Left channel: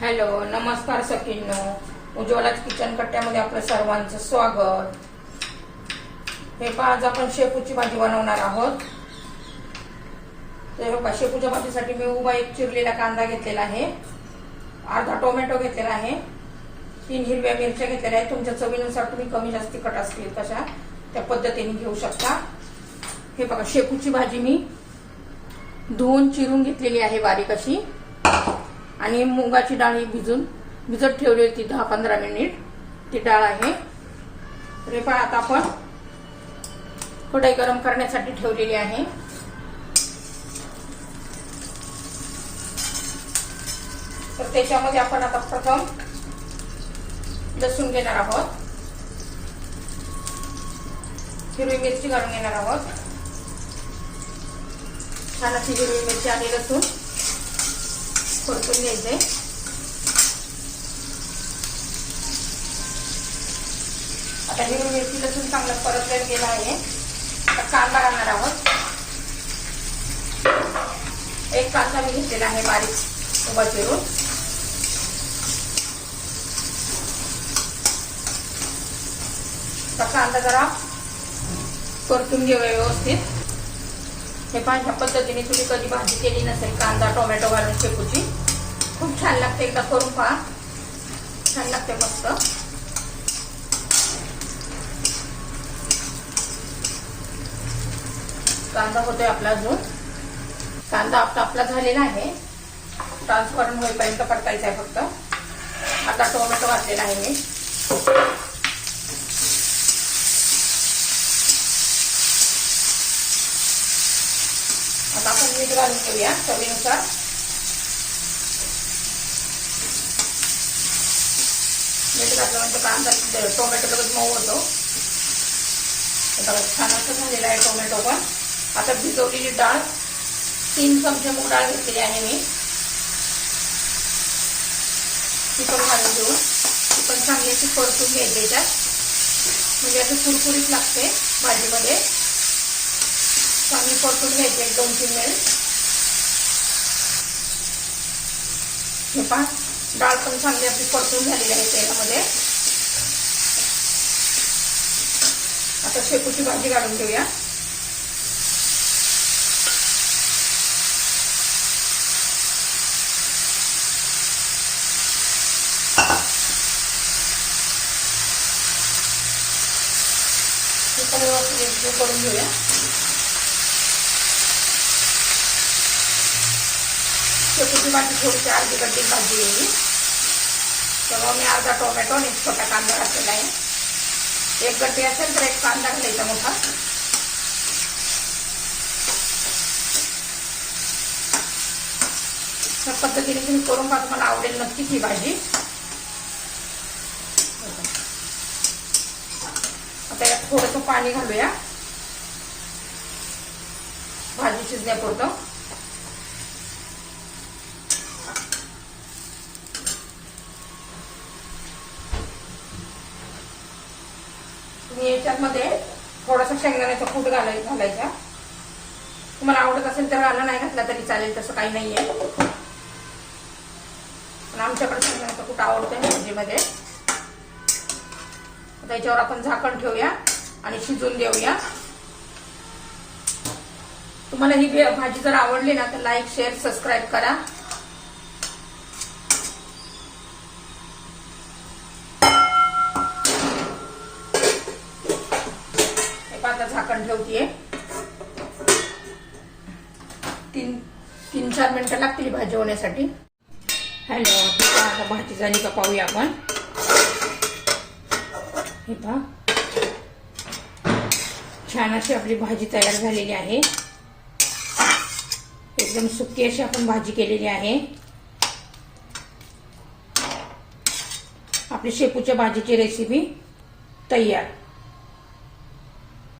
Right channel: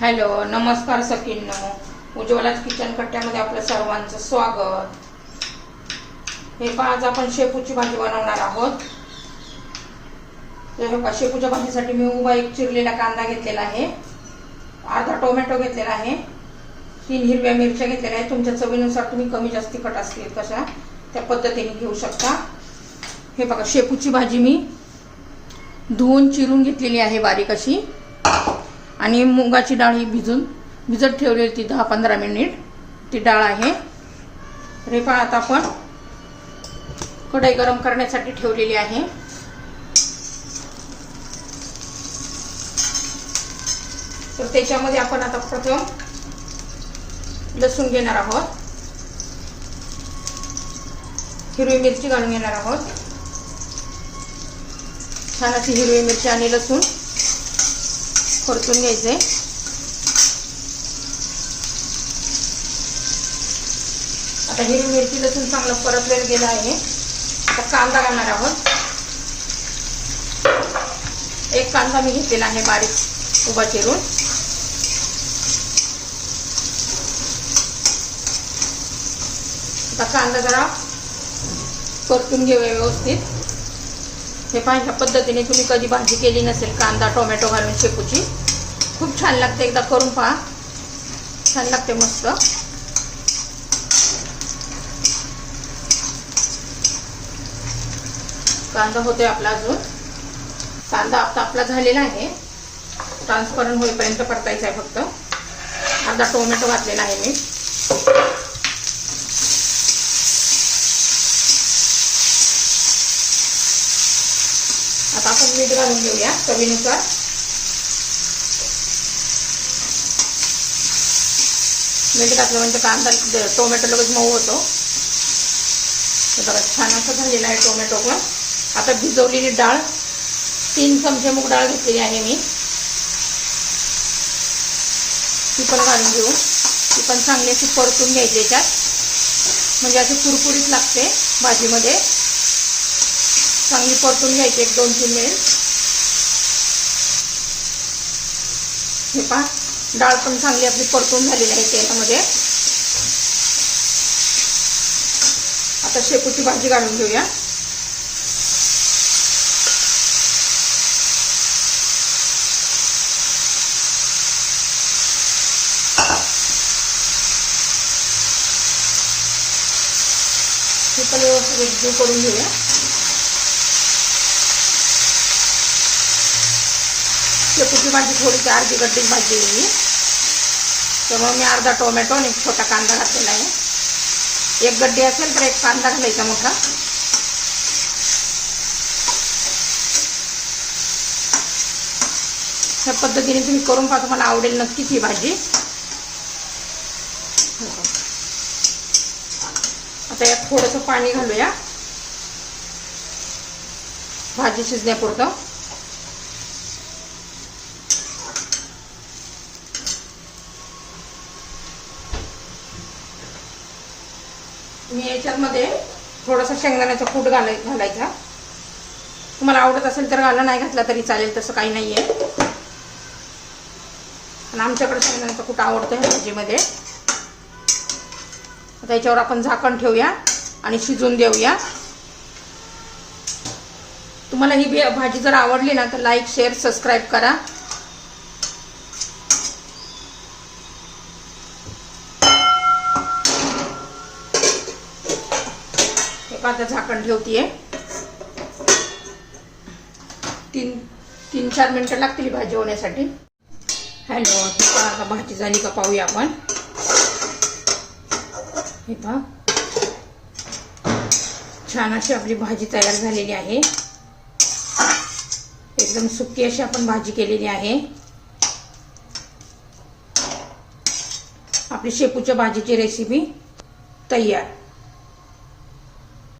Hello नमस्कार सखींनो. उज्ज्वलाच kitchen कट्ट्यामध्ये आपलं सर्वांचं स्वागत. हे पहा आज आपण शेपूची भाजी बनवणार आहोत. तर हे पहा शेपूच्या भाजीसाठी मी उभा एक चिरलेला कांदा घेतलेला आहे. अर्धा टोमॅटो घेतलेला आहे. तीन हिरव्या मिरच्या घेतलेल्या आहेत. तुमच्या चवीनुसार तुम्ही कमी जास्ती कट असतील कशा त्या पद्धतीने घेऊ शकता. हे बघा शेपूची भाजी मी धुवून चिरून घेतलेली आहे बारीक अशी. आणि मुगाची डाळ ही भिजून भिजत ठेवलेली ती दहा पंधरा मिनिट. ती डाळ आहे. रे पण आता आपण कढई गरम करण्यासाठी ठेवलेली आहे. तर त्याच्यामध्ये आपण आता प्रथम लसूण घेणार आहोत. हिरवी मिरची घालून घेणार आहोत. छान अशी हिरवी मिरची आणि लसूण. परतून घ्यायचे. आता हिरवी मिरची लसूण चांगलं वेळ गेलं आहे. आता कांदा घालणार आहोत. एक कांदा मी घेतलेला आहे बारीक उभा चिरून. आता कांदा जरा परतून घेऊया व्यवस्थित. हे पाहिजे पद्धतीने तुम्ही कधी भाजी केली नसेल कांदा टोमॅटो घालून शेपूची. खूप छान लागते एकदा करून पहा. छान लागते मस्त. कांदा होतोय आपला अजून. कांदा आता आपला झालेला आहे. ट्रान्सपरंट होईपर्यंत परतायचा आहे फक्त. आता टोमॅटो घातलेला आहे मी. आता आपण मीठ घालून घेऊया चवीनुसार. मीठ घातल्यानंतर कांदा टोमॅटो लगेच मऊ होतो. छान असं झालेला आहे टोमॅटो पण. आता भिजवलेली डाळ तीन चमचे मूग डाळ घेतलेली आहे मी. ती पण घालून घेऊ. ती पण चांगली अशी परतून घ्यायची त्यात म्हणजे अशी कुरकुरीत लागते भाजीमध्ये. चांगली परतून घ्यायची एक दोन तीन मिनिट हे पहा डाळ पण चांगली आपली परतून झालेली आहे तेलामध्ये आता शेपूची भाजी काढून घेऊया हे पण व्यवस्थित करून घेऊया शेपूची भाजी थोडीशी अर्धी गड्डी भाजी घेऊन त्यामुळे मी अर्धा टोमॅटो आणि एक छोटा कांदा घातलेला आहे. एक गड्डी असेल तर एक कांदा घालायचा मोठा. ह्या पद्धतीने तुम्ही करून पहा तुम्हाला आवडेल नक्कीच ही भाजी. आता यात थोडंसं पाणी घालूया. भाजी शिजण्यापुरतं मी याच्यामध्ये थोडासा शेंगदाण्याचा कूट घालाय घालायचा. तुम्हाला आवडत असेल तर घाला नाही घातला तरी चालेल तसं काही नाहीये. पण आमच्याकडे शेंगदाण्याचा कूट आवडतो ह्या भाजीमध्ये. आता याच्यावर आपण झाकण ठेवूया आणि शिजून देऊया. तुम्हाला ही भाजी जर आवडली ना तर लाईक शेअर सबस्क्राईब करा. आता झाकण ठेवतीये. तीन तीन चार मिनिटं लागतील भाजी होण्यासाठी हॅलो आता भाजी झाली का पाहूया आपण. हे पहा. छान अशी आपली भाजी तयार झालेली आहे. एकदम सुकी अशी आपण भाजी केलेली आहे. आपली शेपूच्या भाजीची रेसिपी तयार.